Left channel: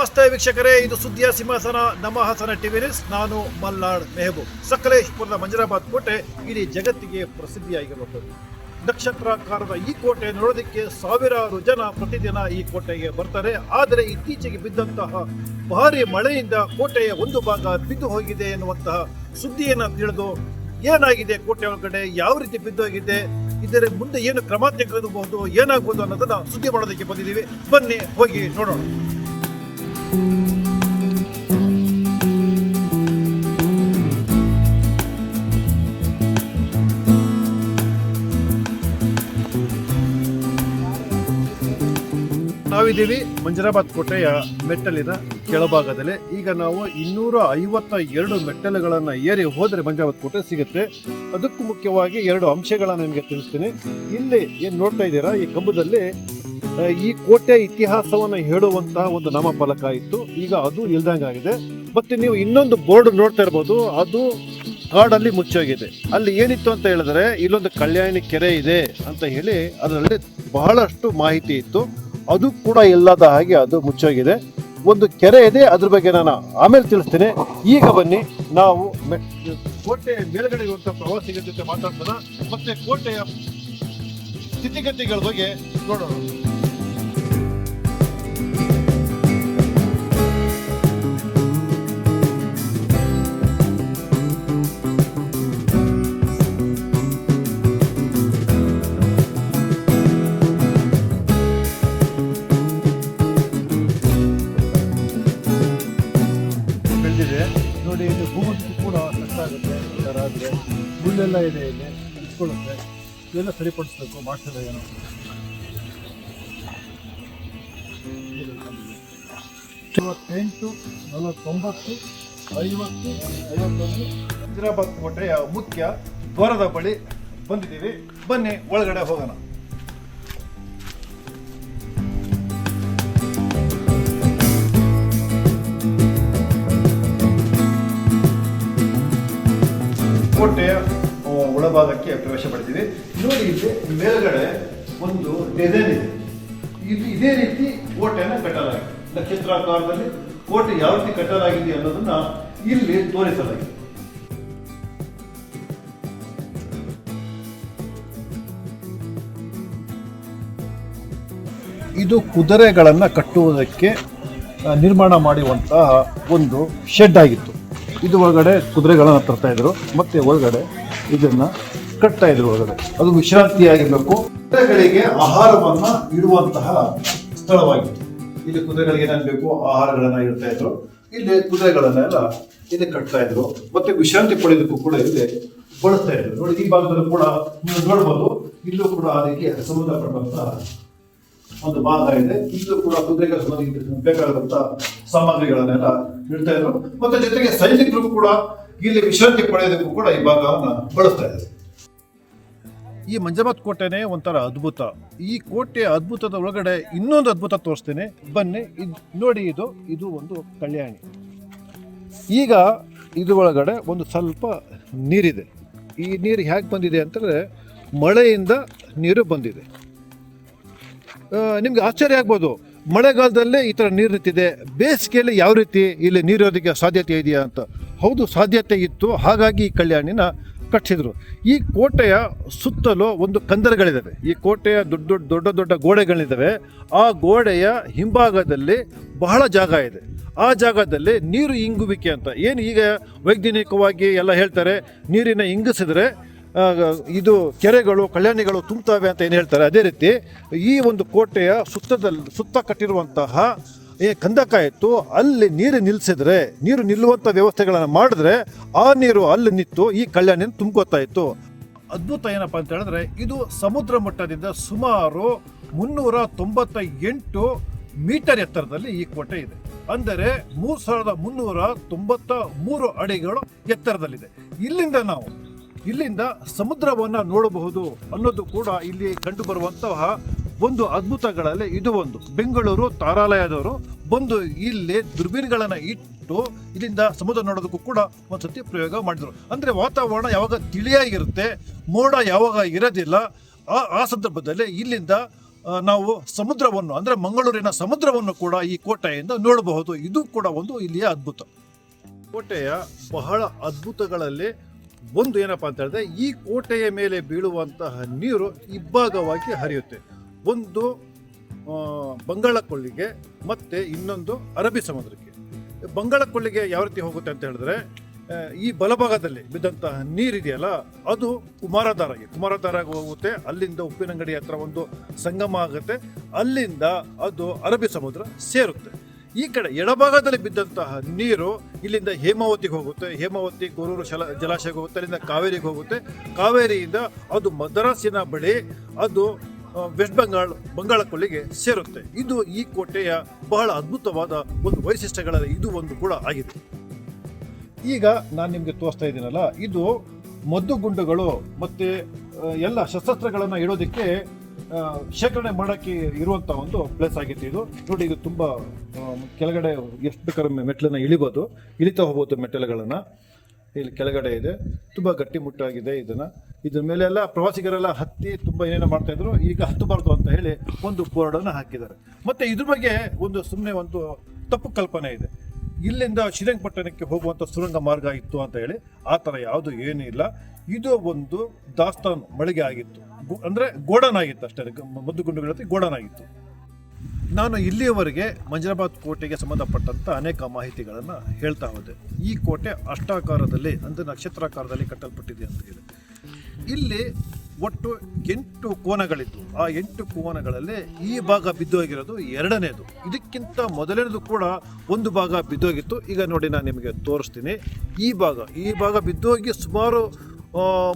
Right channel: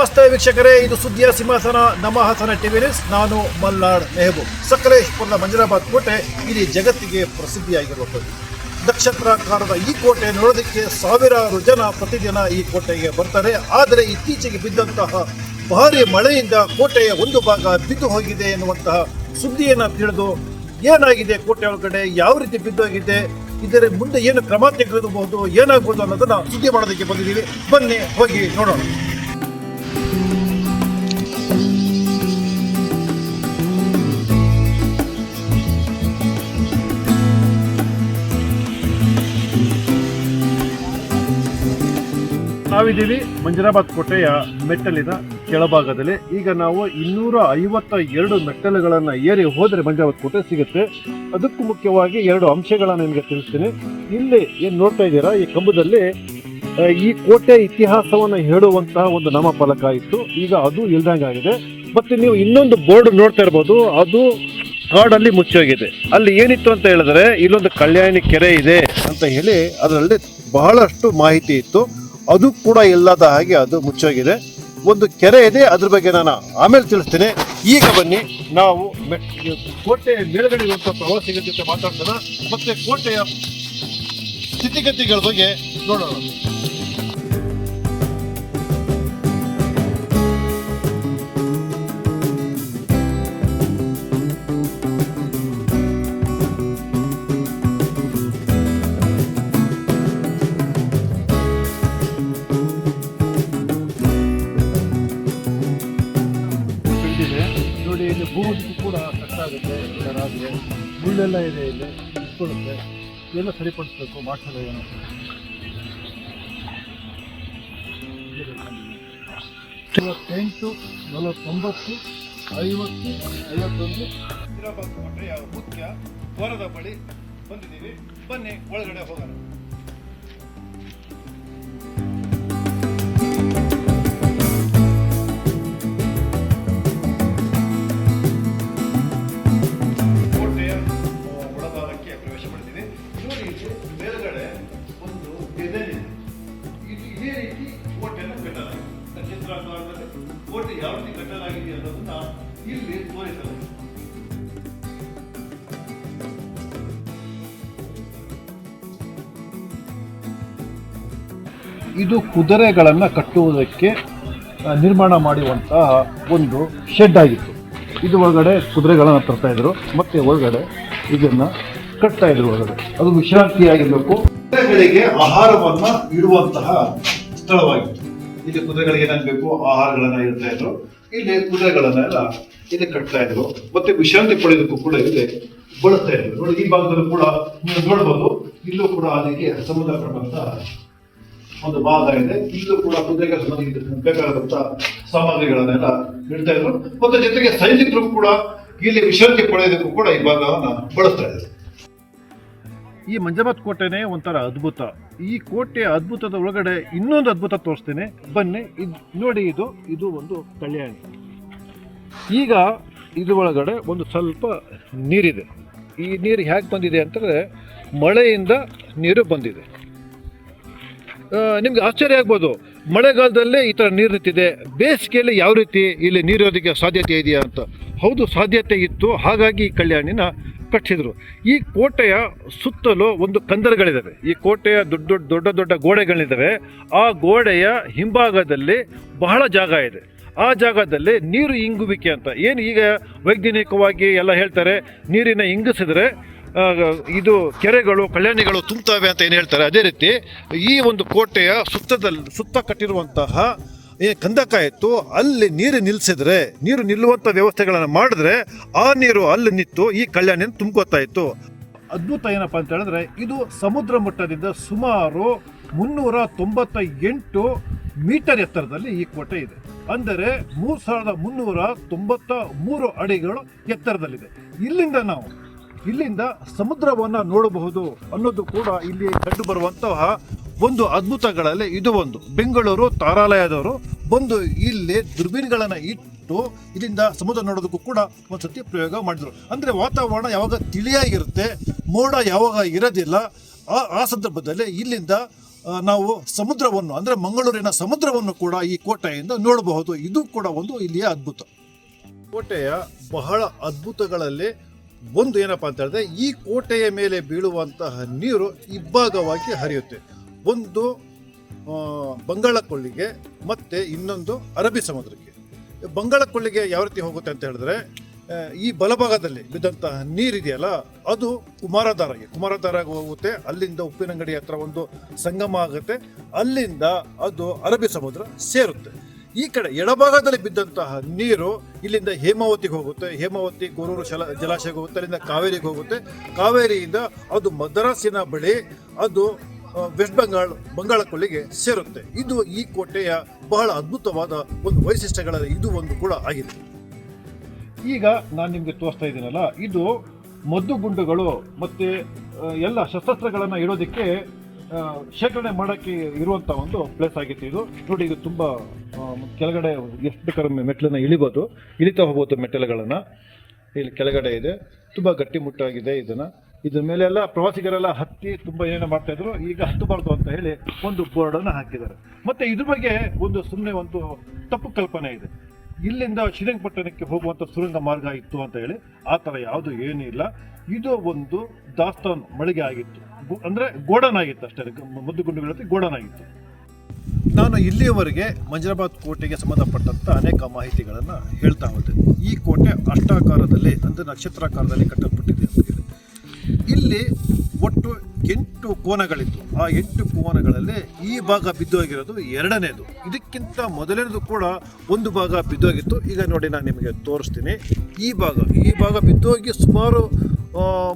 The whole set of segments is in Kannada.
ನಮಸ್ತೆ ವೀಕ್ಷಕರೇ, ಇದು ಸುದ್ದಿಯ ಸಿಂಹಾಸನ ನಮ್ಮ ಹಾಸನ ಟಿವಿ ನ್ಯೂಸ್. ನಾನು ಮಲ್ನಾಡ್ ಮೆಹಬೂಬ್. ಸಕಲೇಶ್ಪುರದ ಮಂಜರಾಬಾದ್ ಕೋಟೆ ಇಡೀ ಜಗತ್ತಿಗೆ ಪ್ರಸಿದ್ಧಿಯಾಗಿರುವಂಥದ್ದು. ನಕ್ಷತ್ರಾಕಾರದ ಈ ಕೋಟೆ ನೋಡೋದಕ್ಕೆ ಸಾವಿರಾರು ಜನ ಪ್ರತಿದಿನ ಈ ಕೋಟೆಗೆ ಬರ್ತಾರೆ. ಆದರೆ ಇತ್ತೀಚೆಗೆ ಬಿದ್ದಂತಹ ಭಾರಿ ಮಳೆಯಿಂದ ಕೋಟೆಯ ಒಂದು ಭಾಗ ಬಿದ್ದು ಹೋಗಿದೆ ಎನ್ನುವಂತಹ ಸುದ್ದಿಯನ್ನು ತಿಳಿದು ಏನಾಗಿದೆ ಕೋಟೆ ಒಳಗಡೆ, ಯಾವ ರೀತಿ ಬಿದ್ದೋಗಿದೆ ಇದರ ಮುಂದೆ ಏನು ಕ್ರಮ ತೆಗೆದುಬಹುದು ಏನಾಗಬಹುದು ಅನ್ನೋದನ್ನ ಸುದ್ದಿ ಮಾಡೋದಕ್ಕೆ ಬಂದಿದ್ದೀವಿ. ಬನ್ನಿ, ಹೋಗಿ ನೋಡೋಣ. ನಾವಿದ್ದೀವಿ ಮಂಜರಾಬಾದ್ ಕೋಟೆಯ ಮೆಟ್ಟಲಿನ ಕೆಳಭಾಗದಲ್ಲಿ. ಈಗ ನಾವು ಇನ್ನೂರ ಐವತ್ತ ಎರಡು ಮೆಟ್ಟಲುಗಳನ್ನು ಏರಿ ಹೋದರೆ ಮಂಜರಾಬಾದ್ ಕೋಟೆ ಸಿಗುತ್ತೆ. ಅದಕ್ಕೂ ಮುಖ್ಯವಾಗಿ ಎರಡು ಅಂಶಗಳನ್ನು ನಿಮಗೆ ತಿಳಿಸ್ತೀನಿ. ಇಲ್ಲಿ ಏನು ನೋಡ್ತಾ ಇದ್ದೀರಾ? ಈ ಕಂಬದಲ್ಲಿ ಈ ಕೋಟೆ ಇತಿಹಾಸವನ್ನು ಹೇಳುವಂತಹ ಒಂದು ನಾಮಫಲಕ ಇತ್ತು. ಈಗ ಅದು ಇಲ್ದಂಗಾಗಿದೆ ಮತ್ತೆ ನೀವು ಇನ್ನೊಂದು ಬೋರ್ಡ್ ನೋಡ್ತಾ ಇರ್ಬೋದು. ಅದು ಕಾಡಲ್ಲಿ ಮುಚ್ಚೋಗಿದೆ. ಅಲ್ಲಿ ಏನಿತ್ತು ಅಂತ ಹೇಳಿದ್ರೆ, ಇಲ್ಲೊಂದು ಕಲ್ಯಾಣಿ ಕೆರೆ ಇದೆ ಅಂತ ಹೇಳಿ ಅದರಲ್ಲಿ ಬಹಳಷ್ಟು ಮಾಹಿತಿ ಇತ್ತು. ಅದು ಕೂಡ ಇಲ್ಲದ ಹಾಗೆ ಅದು ಮುಚ್ಚೋಗಿದೆ. ಒಂದು ಕೆರೆ ಇದೆ, ಅದ್ರ ಬಗ್ಗೆ ನಾನು ಆಮೇಲೆ ತಿಳಿಸ್ತೀನಿ. ಈಗ ಬನ್ನಿ, ನಾವು ಕೋಟೆ ಮೇಲ್ಗಡೆ ಇರುವಂತಹ ಪ್ರವಾಸಿಗರ ಜೊತೆ ಮಾತಾಡ್ತಾರ ಮತ್ತೆ ಕೋಟೆಯ ಸ್ಥಿತಿಗತಿಗಳ ಬಗ್ಗೆ ನೋಡೋಣ. ಇದೆಲ್ಲ ಸರಿಪಡಿಸ್ಬೇಕು ಏನೋ. ಐವತ್ತೆಂಟು ನಲವತ್ತೊಂಬತ್ತು, ಐವತ್ತು, ಐವತ್ತೊಂದು. ಹೈದರಾಬಾದ್ ಕೋಟೆಯ ಮುಖ್ಯ, ದ್ವಾರದ ಬಳಿ ಬಂದಿದ್ದೀವಿ. ಬನ್ನಿ, ಒಳಗಡೆ ಹೋಗೋಣ. ಆ, ಒಳಭಾಗಕ್ಕೆ ಪ್ರವೇಶ ಪಡೆದಿದೆ. ನೋಡಿ ಇಲ್ಲಿ ಮೇಲ್ಗಡೆ ಒಂದು ಡಿಸೈನ್ ಇದೆ. ಇದು ಇದೇ ರೀತಿ ಕೋಟೆಯನ್ನು ಕಟ್ಟಲಾಗಿದೆ. ನಕ್ಷತ್ರಾಕಾರದಲ್ಲಿ ಕೋಟೆ ಯಾವ ರೀತಿ ಕಟ್ಟಲಾಗಿದೆ ಅನ್ನೋದನ್ನ ಇಲ್ಲಿ ತೋರಿಸಲಾಗಿದೆ. ಇದು ಕುದುರೆಗಳನ್ನು ಕಟ್ಟುವುದಕ್ಕೆ ನಿರ್ಮಾಣ ಮಾಡುವಂತಹ ಒಂದು ಶೆಡ್ ಆಗಿತ್ತು. ಇದು ಒಳಗಡೆ ಕುದುರೆಗಳನ್ನು ತರ್ತಾ ಇದ್ರು. ಮತ್ತೆ ಒಳಗಡೆ ಇದನ್ನ ಕಟ್ತಾ ಇದ್ರು ಒಳಗಡೆ. ಅದು ವಿಶ್ರಾಂತಿಯಾಗಿರ್ಬೇಕು. ಕುದುರೆಗಳಿಗೆ ಆಹಾರವನ್ನ ಇಡುವಂತಹ ಸ್ಥಳವಾಗಿತ್ತು. ಇಲ್ಲಿ ಕುದುರೆಗಳಿಗೆ ಏನಾಗಬೇಕು ಬೇಕು? ಆಹಾರಗಳನ್ನ ಇಡ್ತಾ ಇದ್ರು. ಇಲ್ಲಿ ಕುದುರೆಗಳನ್ನೆಲ್ಲ ಇಲ್ಲಿ ಕಟ್ತಾ ಇದ್ರು. ಮತ್ತೆ ವಿಶ್ರಾಂತಿ ಪಡೆಯೋದಕ್ಕೂ ಕೂಡ ಇಲ್ಲಿ ಬಳಸ್ತಾ ಇದ್ರು. ನೋಡಿ, ಈ ಭಾಗದಲ್ಲೂ ಕೂಡ ನೋಡ್ಬೋದು. ಇಲ್ಲೂ ಕೂಡ ಅದಕ್ಕೆ ಸಂಬಂಧಪಟ್ಟಂತ ಒಂದು ಭಾಗ ಇದೆ. ಇಲ್ಲೂ ಕೂಡ ಸಂಬಂಧಿಸಿದ ಬೇಕಾದಂತ ಸಾಮಗ್ರಿಗಳನ್ನೆಲ್ಲ ಇಡ್ತಾ ಇದ್ರು. ಮತ್ತೆ ಜೊತೆಗೆ ಸೈನಿಕರು ಕೂಡ ಇಲ್ಲಿ ವಿಶ್ರಾಂತಿ ಪಡೆಯೋದಕ್ಕೂ ಕೂಡ ಈ ಭಾಗವನ್ನು ಬಳಸ್ತಾ ಇದ್ದಾರೆ. ಈ ಮಂಜಮತ್ ಕೋಟೆನೇ ಒಂಥರ ಅದ್ಭುತ. ಈ ಕೋಟೆ ಅದ್ಭುತದ ಒಳಗಡೆ ಇನ್ನೊಂದು ಅದ್ಭುತ ತೋರಿಸ್ತೇನೆ. ಬನ್ನಿ, ಇದು ನೋಡಿ, ಇದು ಇದು ಒಂದು ಕಲ್ಯಾಣಿ. ಈಗ ಇದು ಒಳಗಡೆ ಒಂದು ಸ್ವಲ್ಪ ನೀರಿದೆ. ಈ ನೀರು ಹೇಗೆ ಬಂದಿದೆ ಅಂತಂದರೆ ಮಳೆಯಿಂದ ನೀರು ಬಂದಿದೆ. ನಿಮ್ಗೆ ಆಶ್ಚರ್ಯ ಆಗ್ಬೋದು. ಮಳೆಗಾಲದಲ್ಲೇ ಈ ಥರ ನೀರು ನಿಂತಿದೆ. ಬೇಸಿಗೆಯಲ್ಲಿ ಯಾವ ರೀತಿ ಇಲ್ಲಿ ನೀರೋದಕ್ಕೆ ಸಾಧ್ಯತೆ ಇದೆಯಾ ಅಂತ. ಹೌದು, ಸಾಧ್ಯತೆ ಇತ್ತು. ಹಾಗಾಗಿ ಈ ಕಲ್ಯಾಣಿನ ಕಟ್ಟಿಸಿದ್ರು. ಈ ಕೋಟೆಯ ಸುತ್ತಲೂ ಒಂದು ಕಂದರಗಳಿದ್ದಾವೆ ಈ ಕೋಟೆಯ ದೊಡ್ಡ ದೊಡ್ಡ ದೊಡ್ಡ ದೊಡ್ಡ ಗೋಡೆಗಳಿದ್ದಾವೆ ಆ ಗೋಡೆಯ ಹಿಂಭಾಗದಲ್ಲಿ ಬಹಳ ಜಾಗ ಇದೆ. ಆ ಜಾಗದಲ್ಲಿ ನೀರು ಇಂಗುವಿಕೆ ಅಂತ. ಏನು ಈಗ ವೈಜ್ಞಾನಿಕವಾಗಿ ಎಲ್ಲ ಹೇಳ್ತಾರೆ, ನೀರಿನ ಇಂಗಿಸಿದ್ರೆ ಇದು ಕೆರೆಗಳು, ಕಲ್ಯಾಣಿಗಳು ತುಂಬುತ್ತವೆ ಅಂತ ಏನು ಹೇಳ್ತಾರೆ? ಅದೇ ರೀತಿ ಈ ಒಂದು ಕೋಟೆಯ ಸುತ್ತದಲ್ಲಿ ಸುತ್ತ ಕಟ್ಟಿರುವಂತಹ, ಏ, ಕಂದಕ ಇತ್ತು. ಅಲ್ಲಿ ನೀರು ನಿಲ್ಲಿಸಿದ್ರೆ ನೀರು ನಿಲ್ಲುವಂಥ ವ್ಯವಸ್ಥೆಗಳನ್ನು ಮಾಡಿದ್ರೆ ಆ ನೀರು ಅಲ್ಲಿ ನಿಂತು ಈ ಕಲ್ಯಾಣಿಯನ್ನು ತುಂಬ್ಕೋತಾ ಇತ್ತು. ಅದ್ಭುತ ಏನಪ್ಪ ಅಂತ ಹೇಳಿದ್ರೆ, ಇದು ಸಮುದ್ರ ಮಟ್ಟದಿಂದ ಸುಮಾರು ಮುನ್ನೂರ ತೊಂಬತ್ತ ಎಂಟು ಮೀಟರ್ ಎತ್ತರದಲ್ಲಿ ಈ ಕೋಟೆ ಇದೆ. ಅಂದರೆ ಮೂರು ಸಾವಿರದ ಮುನ್ನೂರ ತೊಂಬತ್ತ ಮೂರು ಅಡಿಗಳು ಎತ್ತರದಲ್ಲಿದೆ. ಇಲ್ಲಿಂದ ನಾವು ಇಲ್ಲಿಂದ ಸಮುದ್ರವನ್ನ ನೋಡಬಹುದು ಅನ್ನೋದು ಕೂಡ ಇಲ್ಲಿ ಕಂಡು ಒಂದು ಅದ್ಭುತಗಳಲ್ಲಿ ಇದು ಒಂದು. ಬೆಂಗಳೂರು ತಾರಾಲಯದವರು ಬಂದು ಇಲ್ಲಿ ದುರ್ಬೀನ್ಗಳನ್ನ ಇಟ್ಟು ಇಲ್ಲಿಂದ ಸಮುದ್ರ ನೋಡೋದಕ್ಕೂ ಕೂಡ ಒಂದ್ಸತಿ ಪ್ರಯೋಗ ಮಾಡಿದ್ರು. ಅಂದ್ರೆ ವಾತಾವರಣ ಯಾವಾಗ ತಿಳಿಯಾಗಿರುತ್ತೆ, ಮೋಡ ಯಾವಾಗ ಇರೋದಿಲ್ಲ, ಆ ಆ ಸಂದರ್ಭದಲ್ಲಿ ಇಲ್ಲಿಂದ ನಾವು ಸಮುದ್ರವನ್ನು, ಅಂದರೆ ಮಂಗಳೂರಿನ ಸಮುದ್ರವನ್ನು ಕೂಡ ಈ ಕೋಟೆಯಿಂದ ನೋಡಬಹುದು. ಇದು ಕೂಡ ಒಂದು ಇಲ್ಲಿಯ ಅದ್ಭುತ. ಕೋಟೆಯ ಬಹಳ ಅದ್ಭುತಗಳಲ್ಲಿ ಒಂದು ಏನಪ್ಪಾ ಅಂತ ಹೇಳಿದ್ರೆ, ಈ ಕೋಟೆಯ ಮೇಲೆ ಬೀಳುವಂತಹ ನೀರು ಇಬ್ಬಾಗವಾಗಿ ಹರಿಯುತ್ತೆ. ಒಂದು ಬಂಗಾಳಕೊಳ್ಳಿಗೆ ಬಂಗಾಳ ಕೊಳ್ಳಿಗೆ ಮತ್ತೆ ಇನ್ನೊಂದು ಅರಬ್ಬಿ ಸಮುದ್ರಕ್ಕೆ. ಬಂಗಾಳ ಕೊಳ್ಳಿಗೆ ಯಾವ ರೀತಿ ಹೋಗುತ್ತೆ ಅಂತ ಹೇಳಿದ್ರೆ ಈ ಬಲಭಾಗದಲ್ಲಿ ಬಿದ್ದಂತಹ ನೀರಿದೆಯಲ್ಲ, ಅದು ಕುಮಾರಧಾರಗೆ ಕುಮಾರಧಾರಗೆ ಹೋಗುತ್ತೆ. ಅಲ್ಲಿಂದ ಉಪ್ಪಿನಂಗಡಿ ಹತ್ರ ಒಂದು ಸಂಗಮ ಆಗುತ್ತೆ. ಅಲ್ಲಿಂದ ಅದು ಅರಬ್ಬಿ ಸಮುದ್ರ ಸೇರುತ್ತೆ. ಈ ಕಡೆ ಎಡಭಾಗದಲ್ಲಿ ಬಿದ್ದಂತಹ ನೀರು ಇಲ್ಲಿಂದ ಹೇಮಾವತಿಗೆ ಹೋಗುತ್ತೆ. ಹೇಮಾವತಿ ಗೊರೂರು ಶಲ, ಜಲಾಶಯಕ್ಕೆ ಹೋಗುತ್ತೆ. ಅಲ್ಲಿಂದ ಕಾವೇರಿಗೆ ಹೋಗುತ್ತೆ. ಕಾವೇರಿಯಿಂದ ಅದು ಮದ್ರಾಸಿನ ಬಳಿ ಅದು ವೆಸ್ಟ್ ಬೆಂಗಾಲ್ ಬಂಗಾಳ ಕೊಲ್ಲಿಗೆ ಸೇರುತ್ತೆ. ಇದು ಈ ಕೋಟೆಯ ಬಹಳ ಅದ್ಭುತವಾದ ಒಂದು ವೈಶಿಷ್ಟ್ಯಗಳಲ್ಲಿ ಇದು ಒಂದು ಕೂಡ ಆಗಿದೆ. ಈಗ ನಾನು ನಿಮಗೆ ತೋರಿಸ್ತಾ ಇದ್ದೀನಲ್ಲ, ಇದು ಮದ್ದು ಗುಂಡುಗಳು ಮತ್ತು ಎಲ್ಲ ಶಸ್ತ್ರಾಸ್ತ್ರಗಳನ್ನು ಇಡೋದಕ್ಕೆ ಶೇಖರಣೆ ಮಾಡೋಕ್ಕೆ ಇರುವಂಥ ಒಂದು ಪ್ಲೇಸ್ ಆಗಿತ್ತು ಇದು. ನೋಡಿ, ಇದು ತುಂಬ ಕೆಳಗಡೆ ಎಷ್ಟು ಬೇಕಾದ್ರೆ ಮೆಟ್ಲನ್ನ ಇಳಿಬೋದು. ಇಳಿತಾ ಹೋಗ್ಬೋದು ಮೆಟ್ಟಲುಗಳನ್ನು. ಇಲ್ಲಿ ಕೆಳಗಡೆ ಇದೆ. ತುಂಬ ಗಟ್ಟಿಮುಟ್ಟಾಗಿದೆ ಇದನ್ನು. ಇದ್ರ ಮೇಲೆ ಎಲ್ಲ ಪ್ರವಾಸಿಗರೆಲ್ಲ ಹತ್ತಿ ತುಂಬ ಏನೇನು ಮಾಡ್ತಾ ಇದ್ರು. ಈಗ ಹತ್ತಬಾರ್ದು ಅಂತ ಹೇಳಿ ಒಂದು ಬೋರ್ಡನ್ನು ಹಾಕಿದ್ದಾರೆ. ಮತ್ತೆ ಇದ್ರ ಬಗ್ಗೆ ಒಂದು ಸುಮ್ಮನೆ ಒಂದು ತಪ್ಪು ಕಲ್ಪನೆ ಇದೆ. ಇಲ್ಲಿಂದ ಶ್ರೀರಂಗಪಟ್ಟಣಕ್ಕೆ ಹೋಗುವಂಥ ಸುರಂಗ ಮಾರ್ಗ ಇತ್ತು ಅಂತ ಹೇಳಿ ಆ ಥರ ಯಾವುದು ಏನೂ ಇಲ್ಲ ಇದು ಒಂದು ದಾಸ್ತಾನು ಮಳಿಗೆ ಆಗಿತ್ತು. ಅಂದ್ರೆ ಗೋಡನ್ ಆಗಿತ್ತು ಅಷ್ಟೇ ಮದ್ದು ಗುಂಡುಗಳ ಗೋಡನ್ ಆಗಿತ್ತು. ನಾನು ಇಲ್ಲಿಯವರೆಗೆ ಮಂಜರಾಬಾದ್ ಕೋಟೆಗೆ ಸಂಬಂಧಪಟ್ಟಂತ ಅನೇಕ ಮಾಹಿತಿಗಳನ್ನು ಹೇಳ್ತಾ ಹೋದೆ. ಈ ಕೋಟೆ ಅಷ್ಟಾಕಾರದಲ್ಲಿ ಅಂದ್ರೆ ನಕ್ಷತ್ರಾಕಾರದಲ್ಲಿ ಕಟ್ಟಲ್ಪಟ್ಟಿದೆ ಅಂತ ಹೇಳಿ ಇಲ್ಲಿ ಒಟ್ಟು ಎಂಟು ಕೋನಗಳಿತ್ತು ಆ ಎಂಟು ಕೋನಗಳಲ್ಲಿ ಈ ಭಾಗ ಬಿದ್ದೋಗಿರೋದು ಎರಡನೇದು. ಇದಕ್ಕಿಂತ ಮೊದಲನೇದು ಕೂಡ ಒಂದು ಭಾಗ ಬಿದ್ದೋಗಿತ್ತು. ಈಗ ನೋಡಿ ನಾನು ನಿಮಗೆ ತೋರಿಸ್ತೀನಿ. ಈ ಭಾಗ ಈ ಭಾಗ ಬಿದ್ದೋಗಿ ಸುಮಾರು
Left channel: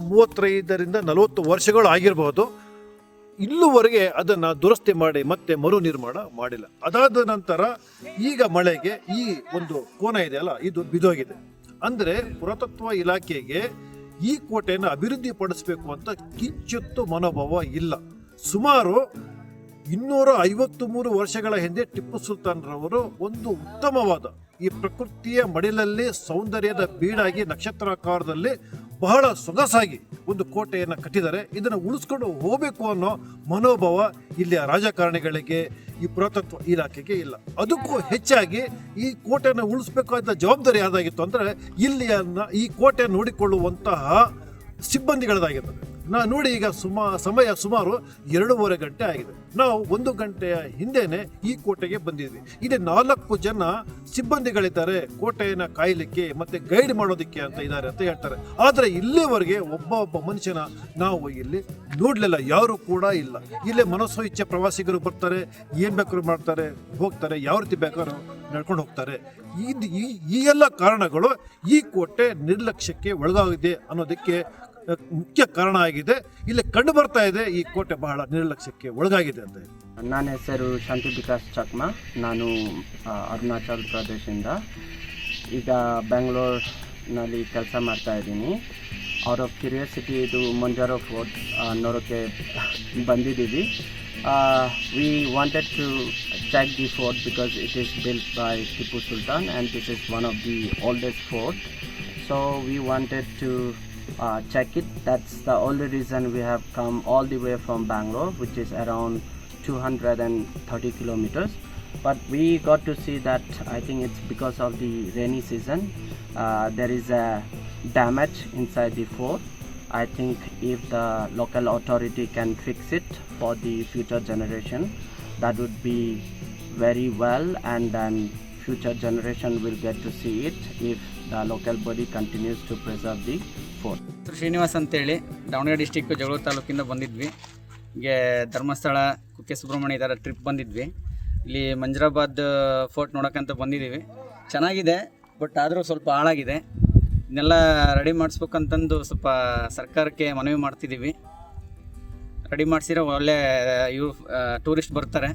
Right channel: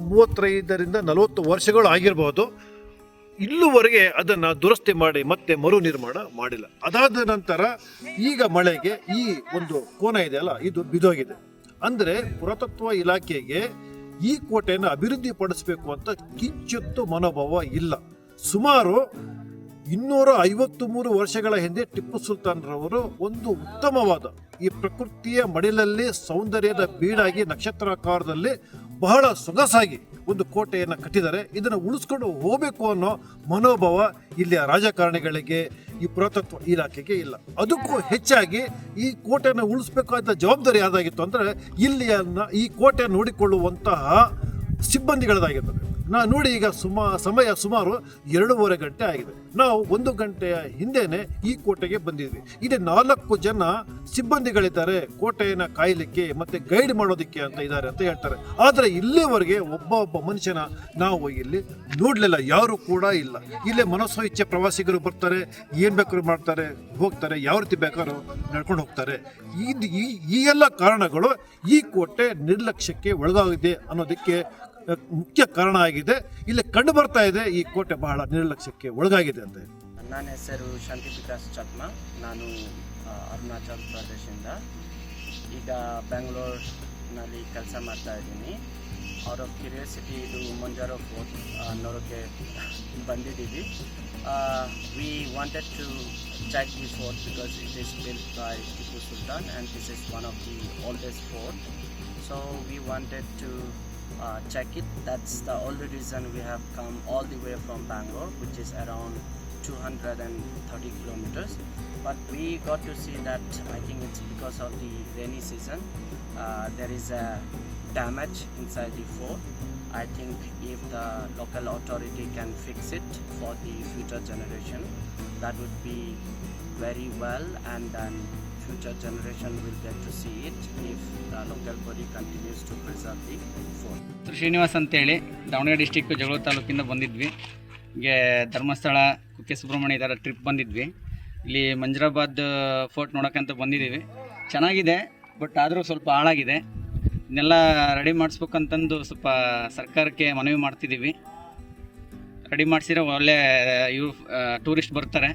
ಮೂವತ್ತೈದರಿಂದ ನಲವತ್ತು ವರ್ಷಗಳು ಆಗಿರ್ಬೋದು ಇಲ್ಲುವರೆಗೆ ಅದನ್ನು ದುರಸ್ತಿ ಮಾಡಿ ಮತ್ತೆ ಮರು ನಿರ್ಮಾಣ ಮಾಡಿಲ್ಲ. ಅದಾದ ನಂತರ ಈಗ ಮಳೆಗೆ ಈ ಒಂದು ಕೋನ ಇದೆಯಲ್ಲ ಇದು ಬಿದೋಗಿದೆ. ಅಂದರೆ ಪುರಾತತ್ವ ಇಲಾಖೆಗೆ ಈ ಕೋಟೆಯನ್ನು ಅಭಿವೃದ್ಧಿಪಡಿಸಬೇಕು ಅಂತ ಕಿಂಚಿತ್ತು ಮನೋಭಾವ ಇಲ್ಲ. ಸುಮಾರು ಇನ್ನೂರ ಐವತ್ತು ಮೂರು ವರ್ಷಗಳ ಹಿಂದೆ ಟಿಪ್ಪು ಸುಲ್ತಾನ್ರವರು ಒಂದು ಉತ್ತಮವಾದ ಈ ಪ್ರಕೃತಿಯ ಮಡಿಲಲ್ಲಿ ಸೌಂದರ್ಯದ ಬೀಡಾಗಿ ನಕ್ಷತ್ರಾಕಾರದಲ್ಲಿ ಬಹಳ ಸೊಗಸಾಗಿ ಒಂದು ಕೋಟೆಯನ್ನು ಕಟ್ಟಿದ್ದಾರೆ. ಇದನ್ನು ಉಳಿಸ್ಕೊಂಡು ಹೋಗಬೇಕು ಅನ್ನೋ ಮನೋಭಾವ ಇಲ್ಲಿಯ ರಾಜಕಾರಣಿಗಳಿಗೆ ಈ ಪುರಾತತ್ವ ಇಲಾಖೆಗೆ ಇಲ್ಲ. ಅದಕ್ಕೂ ಹೆಚ್ಚಾಗಿ ಈ ಕೋಟೆಯನ್ನು ಉಳಿಸ್ಬೇಕಾದ ಜವಾಬ್ದಾರಿ ಯಾವುದಾಗಿತ್ತು ಅಂದರೆ ಇಲ್ಲಿಯ ಈ ಕೋಟೆ ನೋಡಿಕೊಳ್ಳುವಂತಹ ಸಿಬ್ಬಂದಿಗಳದಾಗಿರ್ತದೆ ನಾ ನೋಡಿ ಈಗ ಸುಮಾ, ಸಮಯ ಸುಮಾರು ಎರಡೂವರೆ ಗಂಟೆ ಆಗಿದೆ. ನಾವು ಒಂದು ಗಂಟೆಯ ಹಿಂದೆನೆ ಈ ಕೋಟೆಗೆ ಬಂದಿದ್ವಿ. ಇಲ್ಲಿ ನಾಲ್ಕು ಜನ ಸಿಬ್ಬಂದಿಗಳಿದ್ದಾರೆ. ಕೋಟೆಯನ್ನು ಕಾಯಲಿಕ್ಕೆ ಮತ್ತೆ ಗೈಡ್ ಮಾಡೋದಕ್ಕೆ ಅಂತ ಇದ್ದಾರೆ ಅಂತ ಹೇಳ್ತಾರೆ. ಆದರೆ ಇಲ್ಲಿವರೆಗೆ ಒಬ್ಬ ಒಬ್ಬ ಮನುಷ್ಯನ ನಾವು ಇಲ್ಲಿ ನೋಡಲಿಲ್ಲ. ಯಾರು ಕೂಡ ಇಲ್ಲ. ಇಲ್ಲೇ ಮನಸ್ಸು ಇಚ್ಛೆ ಪ್ರವಾಸಿಗರು ಬರ್ತಾರೆ. ಏನು ಬೇಕಾದ್ರು ಮಾಡ್ತಾರೆ. ಹೋಗ್ತಾರೆ. ಯಾವ ರೀತಿ ಬೇಕಾದ್ರೂ ನಡ್ಕೊಂಡು ಹೋಗ್ತಾರೆ. ಈ, ಈ- ಎಲ್ಲ ಕಾರಣಗಳು ಈ ಕೋಟೆ ನಿರ್ಲಕ್ಷ್ಯಕ್ಕೆ ಒಳಗಾಗಿದೆ ಅನ್ನೋದಕ್ಕೆ ಮುಖ್ಯ ಕಾರಣ ಆಗಿದೆ. ಇಲ್ಲಿ ಕಂಡು ಬರ್ತಾ ಇದೆ, ಈ ಕೋಟೆ ಬಹಳ ನಿರ್ಲಕ್ಷ್ಯಕ್ಕೆ ಒಳಗಾಗಿದೆ ಅಂತ ನನ್ನ ಹೆಸರು ಶಾಂತಿ ವಿಕಾಸ್ ಚಕ್ಮ. ನಾನು ಅರುಣಾಚಲ್ ಪ್ರದೇಶದಿಂದ ಈಗ ಬೆಂಗಳೂರಿನಲ್ಲಿ ಕೆಲಸ ಮಾಡ್ತಾ ಇದ್ದೀನಿ. ಆಫ್ ಕ್ಯೂರಿಯಾಸಿಟಿ ಇದು ಮಂಜಾರೋ ಫೋರ್ಟ್ ನೋಡೋಕ್ಕೆ ಬಂದಿದ್ದೀವಿ. We wanted to check the fort because it is built by Tipu Sultan and this is one of the oldest fort so we wanted to uh, check it. That's the only reason we have come all the way from Bangalore, which is around 230 kilometers. But we got to see that I think it's because of the rainy season. Uh, there is a damage inside the fort. I think if the local authority can fix it for the future generation, that would be very well, and then future generation will get to see it if the local body continues to preserve the fort. Srinivas ಅಂತೇಳಿ ದಾವಣಗೆರೆ ಡಿಸ್ಟಿಕ್ ಜಗಳೂರು ತಾಲೂಕಿಂದ ಬಂದಿದ್ವಿ. ಹೀಗೆ ಧರ್ಮಸ್ಥಳ ಕುಕ್ಕೆ ಸುಬ್ರಹ್ಮಣ್ಯ ಇದರ ಟ್ರಿಪ್ ಬಂದಿದ್ವಿ. ಇಲ್ಲಿ ಮಂಜರಾಬಾದ್ ಫೋರ್ಟ್ ನೋಡೋಕ್ಕಂತ ಬಂದಿದ್ದೀವಿ. ಚೆನ್ನಾಗಿದೆ ಬಟ್ ಆದರೂ ಸ್ವಲ್ಪ ಹಾಳಾಗಿದೆ. ಇದನ್ನೆಲ್ಲ ರೆಡಿ ಮಾಡಿಸ್ಬೇಕಂತಂದು ಸ್ವಲ್ಪ ಸರ್ಕಾರಕ್ಕೆ ಮನವಿ ಮಾಡ್ತಿದ್ದೀವಿ. ರೆಡಿ ಮಾಡಿಸಿದ್ರೆ ಒಳ್ಳೆ ಇವು ಟೂರಿಸ್ಟ್ ಬರ್ತಾರೆ.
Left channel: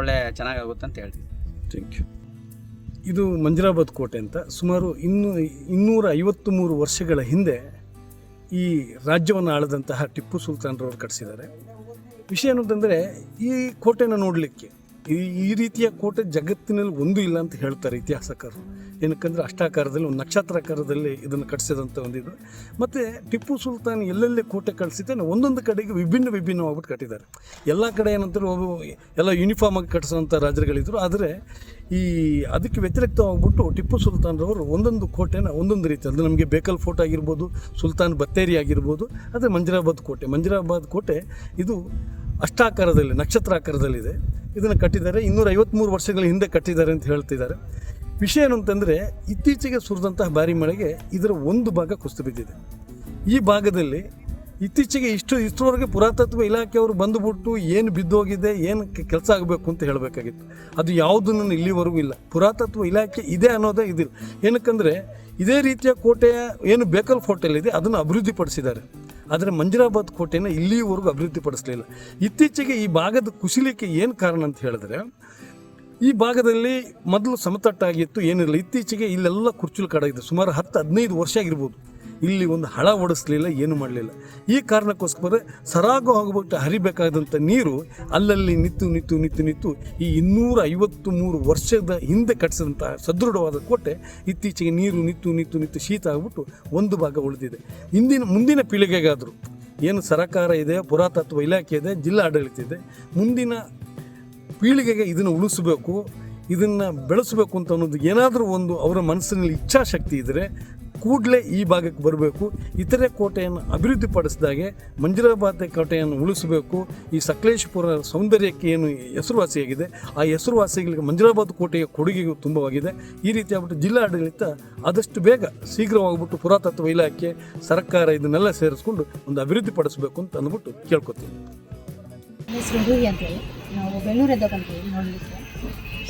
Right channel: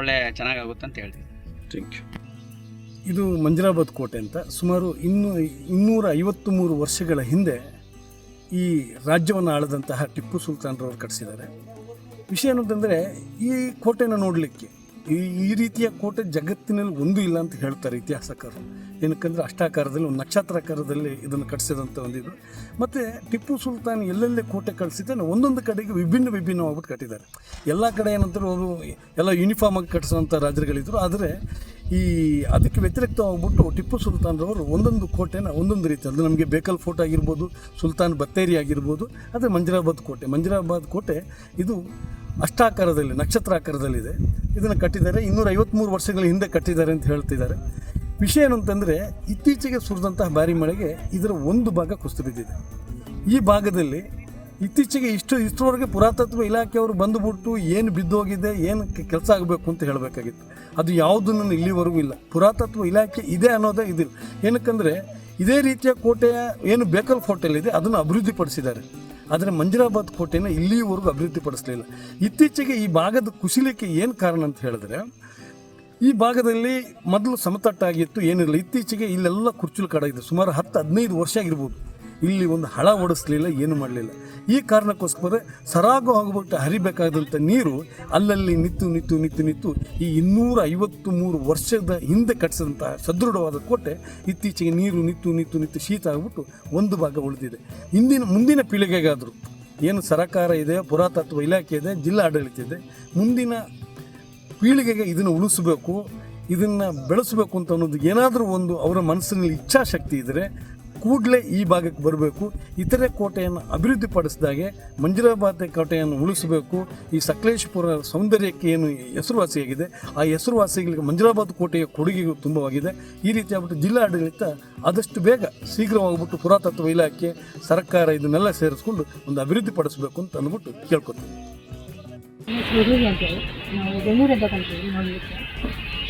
ಒಳ್ಳೆ ಚೆನ್ನಾಗಾಗುತ್ತೆ ಅಂತ ಹೇಳ್ತೀವಿ ಥ್ಯಾಂಕ್ ಯು ಇದು ಮಂಜರಾಬಾದ್ ಕೋಟೆ ಅಂತ ಸುಮಾರು ಇನ್ನೂ ಇನ್ನೂರ ಐವತ್ತು ಮೂರು ವರ್ಷಗಳ ಹಿಂದೆ ಈ ರಾಜ್ಯವನ್ನು ಆಳದಂತಹ ಟಿಪ್ಪು ಸುಲ್ತಾನ್ರವರು ಕಟ್ಟಿಸಿದ್ದಾರೆ. ವಿಷಯ ಏನಂತಂದರೆ ಈ ಕೋಟೆನ ನೋಡಲಿಕ್ಕೆ ಈ ರೀತಿಯ ಕೋಟೆ ಜಗತ್ತಿನಲ್ಲಿ ಒಂದು ಇಲ್ಲ ಅಂತ ಹೇಳ್ತಾರೆ ಇತಿಹಾಸಕಾರರು ಏನಕ್ಕಂದ್ರೆ ಅಷ್ಟಾಕಾರದಲ್ಲಿ, ಒಂದು ನಕ್ಷತ್ರಾಕಾರದಲ್ಲಿ ಇದನ್ನು ಕಟ್ಟಿಸಿದಂಥ ಒಂದಿದು ಮತ್ತು ಟಿಪ್ಪು ಸುಲ್ತಾನ್ ಎಲ್ಲೆಲ್ಲೇ ಕೋಟೆ ಕಟ್ಟಿಸಿದ್ದಾನೆ ಒಂದೊಂದು ಕಡೆಗೆ ವಿಭಿನ್ನ ವಿಭಿನ್ನವಾಗ್ಬಿಟ್ಟು ಕಟ್ಟಿದ್ದಾರೆ. ಎಲ್ಲ ಕಡೆ ಏನಂತಾರೆ ಅವರು ಎಲ್ಲ ಯೂನಿಫಾರ್ಮ್ ಆಗಿ ಕಟ್ಟಿಸೋಂಥ ರಾಜರುಗಳಿದ್ದರು ಆದರೆ ಈ ಅದಕ್ಕೆ ವ್ಯತಿರಿಕ್ತವಾಗ್ಬಿಟ್ಟು ಟಿಪ್ಪು ಸುಲ್ತಾನ್ರವರು ಒಂದೊಂದು ಕೋಟೆನ ಒಂದೊಂದು ರೀತಿ ಅದು ನಮಗೆ ಬೇಕಲ್ ಫೋರ್ಟ್ ಆಗಿರ್ಬೋದು, ಸುಲ್ತಾನ್ ಬತ್ತೇರಿ ಆಗಿರ್ಬೋದು ಅದೇ ಮಂಜರಾಬಾದ್ ಕೋಟೆ. ಮಂಜರಾಬಾದ್ ಕೋಟೆ ಇದು ಅಷ್ಟಾಕಾರದಲ್ಲಿ, ನಕ್ಷತ್ರಾಕಾರದಲ್ಲಿದೆ. ಇದನ್ನು ಕಟ್ಟಿದ್ದಾರೆ. ಇನ್ನೂರ ಐವತ್ತ್ಮೂರು ವರ್ಷಗಳ ಹಿಂದೆ ಕಟ್ಟಿದ್ದಾರೆ ಅಂತ ಹೇಳ್ತಿದ್ದಾರೆ. ವಿಷಯ ಏನು ಅಂತಂದರೆ ಇತ್ತೀಚೆಗೆ ಸುರಿದಂತಹ ಭಾರಿ ಮಳೆಗೆ ಇದರ ಒಂದು ಭಾಗ ಕುಸಿದು ಬಿದ್ದಿದೆ. ಈ ಭಾಗದಲ್ಲಿ ಇತ್ತೀಚೆಗೆ ಇಷ್ಟು, ಇಷ್ಟರವರೆಗೆ ಪುರಾತತ್ವ ಇಲಾಖೆಯವರು ಬಂದುಬಿಟ್ಟು ಏನು ಬಿದ್ದೋಗಿದೆ, ಏನು ಕೆಲಸ ಆಗಬೇಕು ಅಂತ ಹೇಳಬೇಕಾಗಿತ್ತು. ಅದು ಯಾವುದನ್ನು ಇಲ್ಲಿವರೆಗೂ ಇಲ್ಲ. ಪುರಾತತ್ವ ಇಲಾಖೆ ಇದೆ ಅನ್ನೋದೇ ಇದಿಲ್ಲ. ಏನಕ್ಕಂದರೆ, ಇದೇ ರೀತಿಯ ಕೋಟೆಯ, ಏನು ಬೇಕಲ್ ಕೋಟೆಯಲ್ಲಿದೆ, ಅದನ್ನು ಅಭಿವೃದ್ಧಿಪಡಿಸಿದ್ದಾರೆ. ಆದರೆ ಮಂಜಿರಾಬಾದ್ ಕೋಟೆನ ಇಲ್ಲಿಯವರೆಗೂ ಅಭಿವೃದ್ಧಿಪಡಿಸಲಿಲ್ಲ ಇತ್ತೀಚೆಗೆ ಈ ಭಾಗದ ಕುಸಿಲಿಕ್ಕೆ ಏನು ಕಾರಣ ಅಂತ ಹೇಳಿದ್ರೆ, ಈ ಭಾಗದಲ್ಲಿ ಮೊದಲು ಸಮತಟ್ಟಾಗಿತ್ತು, ಏನಿರಲಿಲ್ಲ. ಇತ್ತೀಚೆಗೆ ಇಲ್ಲೆಲ್ಲ ಕುರ್ಚುಲು ಇದೆ. ಸುಮಾರು ಹತ್ತು ಹದಿನೈದು ವರ್ಷ ಆಗಿರ್ಬೋದು. ಇಲ್ಲಿ ಒಂದು ಹಳ ಓಡಿಸ್ಲಿಲ್ಲ, ಏನು ಮಾಡಲಿಲ್ಲ. ಈ ಕಾರಣಕ್ಕೋಸ್ಕರ ಸರಾಗು ಹೋಗ್ಬಿಟ್ಟು ಹರಿಬೇಕಾದಂಥ ನೀರು ಅಲ್ಲಲ್ಲಿ ನಿಂತು ನಿಂತು ನಿಂತು ನಿಂತು ಈ ಇನ್ನೂರ ಐವತ್ತು ಮೂರು ವರ್ಷದ ಹಿಂದೆ ಕಟ್ಟಿಸಿದಂಥ ಸದೃಢವಾದ ಕೋಟೆ ಇತ್ತೀಚೆಗೆ ನೀರು ನಿಂತು ನಿಂತು ನಿಂತು ಶೀತ ಆಗಿಬಿಟ್ಟು ಒಂದು ಭಾಗ ಉಳಿದಿದೆ. ಇಂದಿನ ಮುಂದಿನ ಪೀಳಿಗೆಗಾದರೂ ಏನು ಸರಕಾರ ಇದೆ, ಪುರಾತತ್ವ ಇಲಾಖೆ ಇದೆ ಜಿಲ್ಲಾ ಆಡಳಿತ ಇದೆ, ಮುಂದಿನ ಪೀಳಿಗೆಗೆ ಇದನ್ನು ಉಳಿಸಬೇಕು, ಇದನ್ನು ಬೆಳೆಸಬೇಕು ಅಂತ ಅನ್ನೋದು ಏನಾದರೂ ಒಂದು ಅವರ ಮನಸ್ಸಿನಲ್ಲಿ ಇಚ್ಛಾಶಕ್ತಿ ಇದ್ದರೆ ಕೂಡಲೇ ಈ ಭಾಗಕ್ಕೆ ಬರಬೇಕು. ಇತರೆ ಕೋಟೆಯನ್ನು ಅಭಿವೃದ್ಧಿಪಡಿಸಿದಾಗೆ ಮಂಜುರಾಬಾದ್ ಕೋಟೆಯನ್ನು ಉಳಿಸಬೇಕು. ಈ ಸಕಲೇಶಪುರ ಸೌಂದರ್ಯಕ್ಕೆ ಏನು ಹೆಸರುವಾಸಿಯಾಗಿದೆ, ಆ ಹೆಸರುವಾಸಿಗಳಿಗೆ ಮಂಜುರಾಬಾದ್ ಕೋಟೆಯ ಕೊಡುಗೆಯು ತುಂಬವಾಗಿದೆ. ಈ ರೀತಿ ಆಗ್ಬಿಟ್ಟು ಜಿಲ್ಲಾ ಆಡಳಿತ ಆದಷ್ಟು ಬೇಗ ಶೀಘ್ರವಾಗ್ಬಿಟ್ಟು ಪುರಾತತ್ವ ಇಲಾಖೆ, ಸರ್ಕಾರ ಇದನ್ನೆಲ್ಲ ಸೇರಿಸ್ಕೊಂಡು ಒಂದು ಅಭಿವೃದ್ಧಿಪಡಿಸಬೇಕು ಅಂತ ಅಂದ್ಬಿಟ್ಟು ಕೇಳ್ಕೊತೀನಿ.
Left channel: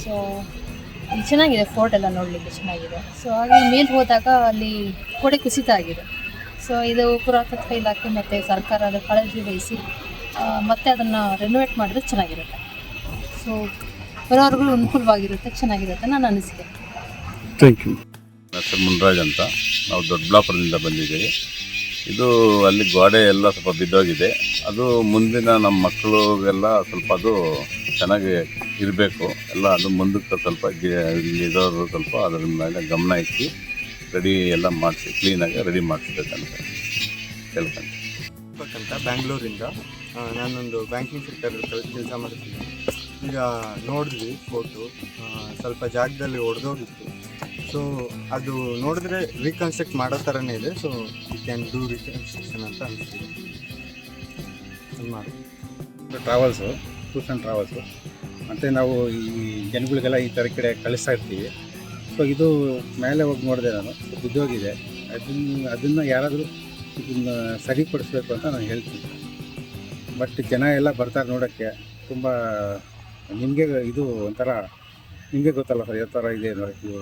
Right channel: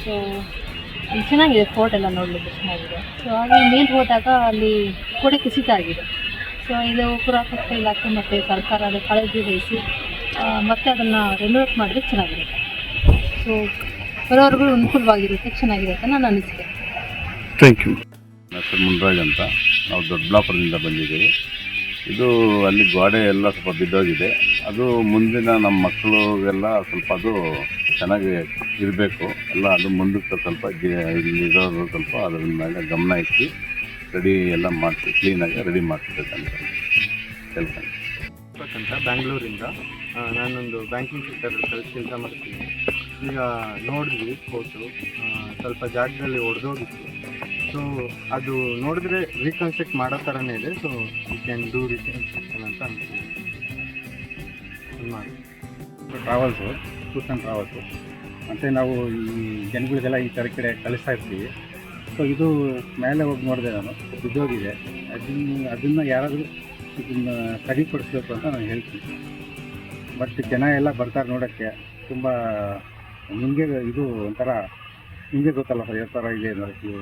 ಸೊ ಚೆನ್ನಾಗಿದೆ ಫೋರ್ಟ್ ಎಲ್ಲ ನೋಡಲಿಕ್ಕೆ ಚೆನ್ನಾಗಿದೆ. ಸೊ ಹಾಗೆ ಮೇಲೆ ಹೋದಾಗ ಅಲ್ಲಿ ಗೋಡೆ ಕುಸಿತ ಆಗಿದೆ. ಸೊ ಇದು ಪುರಾತತ್ವ ಇಲಾಖೆ ಮತ್ತು ಸರ್ಕಾರ ಅದರ ಕಾಳಜಿ ವಹಿಸಿ ಮತ್ತೆ ಅದನ್ನು ರೆನೋವೇಟ್ ಮಾಡಿದ್ರೆ ಚೆನ್ನಾಗಿರುತ್ತೆ. ಸೊ ಬರೋರ್ಗಳು ಅನುಕೂಲವಾಗಿರುತ್ತೆ ಚೆನ್ನಾಗಿರುತ್ತೆ ನಾನು ಅನಿಸಿದೆ. ಥ್ಯಾಂಕ್ ಯು ಡಾಕ್ಟರ್ ಮುನ್ರಾಜ್ ಅಂತ. ನಾವು ದೊಡ್ಡಬಳ್ಳಾಪುರದಿಂದ ಬಂದಿದ್ದೀವಿ. ಇದು ಅಲ್ಲಿ ಗೋಡೆ ಎಲ್ಲ ಸ್ವಲ್ಪ ಬಿದ್ದೋಗಿದೆ. ಅದು ಮುಂದಿನ ನಮ್ಮ ಮಕ್ಕಳಿಗೆಲ್ಲ ಸ್ವಲ್ಪ ಅದು ಚೆನ್ನಾಗಿ ಇರಬೇಕು. ಎಲ್ಲ ಅದು ಮುಂದಕ್ಕೆ ಸ್ವಲ್ಪ ಜಿ- ಸ್ವಲ್ಪ ಅದ್ರ ಮೇಲೆ ಗಮನ ಇಟ್ಟು ರೆಡಿ ಎಲ್ಲ ಮಾಡಿಸಿ ಕ್ಲೀನಾಗಿ ರೆಡಿ ಮಾಡಿಸ್ಬೇಕಂತ ಕೆಲಸ ಅಂತ ಬ್ಯಾಂಗ್ಳೂರಿಂದ. ನಾನೊಂದು ಬ್ಯಾಂಕಿಂಗ್ ಸೆಕ್ಟರ್ ಕೆಲಸ ಮಾಡ್ತೀನಿ ಈಗ ನೋಡಿದ್ವಿ ಫೋಟೋ ಸ್ವಲ್ಪ ಜಾಗದಲ್ಲಿ ಒಡೆದೋಗಿತ್ತು. ಸೊ ಅದು ನೋಡಿದ್ರೆ ರೀಕನ್ಸ್ಟ್ರಕ್ಟ್ ಮಾಡೋ ಥರನೇ ಇದೆ. So you can do reconstruction ಅಂತ ಅನಿಸ್ತೀನಿ ಟ್ರಾವೆಲ್ಸು ಟೂರ್ಸ್ ಆ್ಯಂಡ್ ಟ್ರಾವೆಲ್ಸು ಮತ್ತು ನಾವು ಈ ಜನಗಳಿಗೆಲ್ಲ ಈ ಥರ ಕಡೆ ಕಳಿಸ್ತಾ ಇರ್ತೀವಿ. ಸೊ ಇದು ಮೇಲೆ ಹೋಗಿ ನೋಡಿದೆ ನಾನು ಬಿದ್ದೋಗಿದೆ ಅದನ್ನು ಅದನ್ನು ಯಾರಾದರೂ ಇದನ್ನು ಸರಿಪಡಿಸ್ಬೇಕು ಅಂತ ನಾನು ಹೇಳ್ತೀನಿ. ಬಟ್ ಜನ ಎಲ್ಲ ಬರ್ತಾರೆ ನೋಡೋಕ್ಕೆ, ತುಂಬ ನಿಮಗೆ ಇದು ಒಂಥರ, ನಿಮಗೆ ಗೊತ್ತಲ್ಲ ಸರ್ ಯಾವ ಥರ ಇದೆ ಅನ್ನೋದು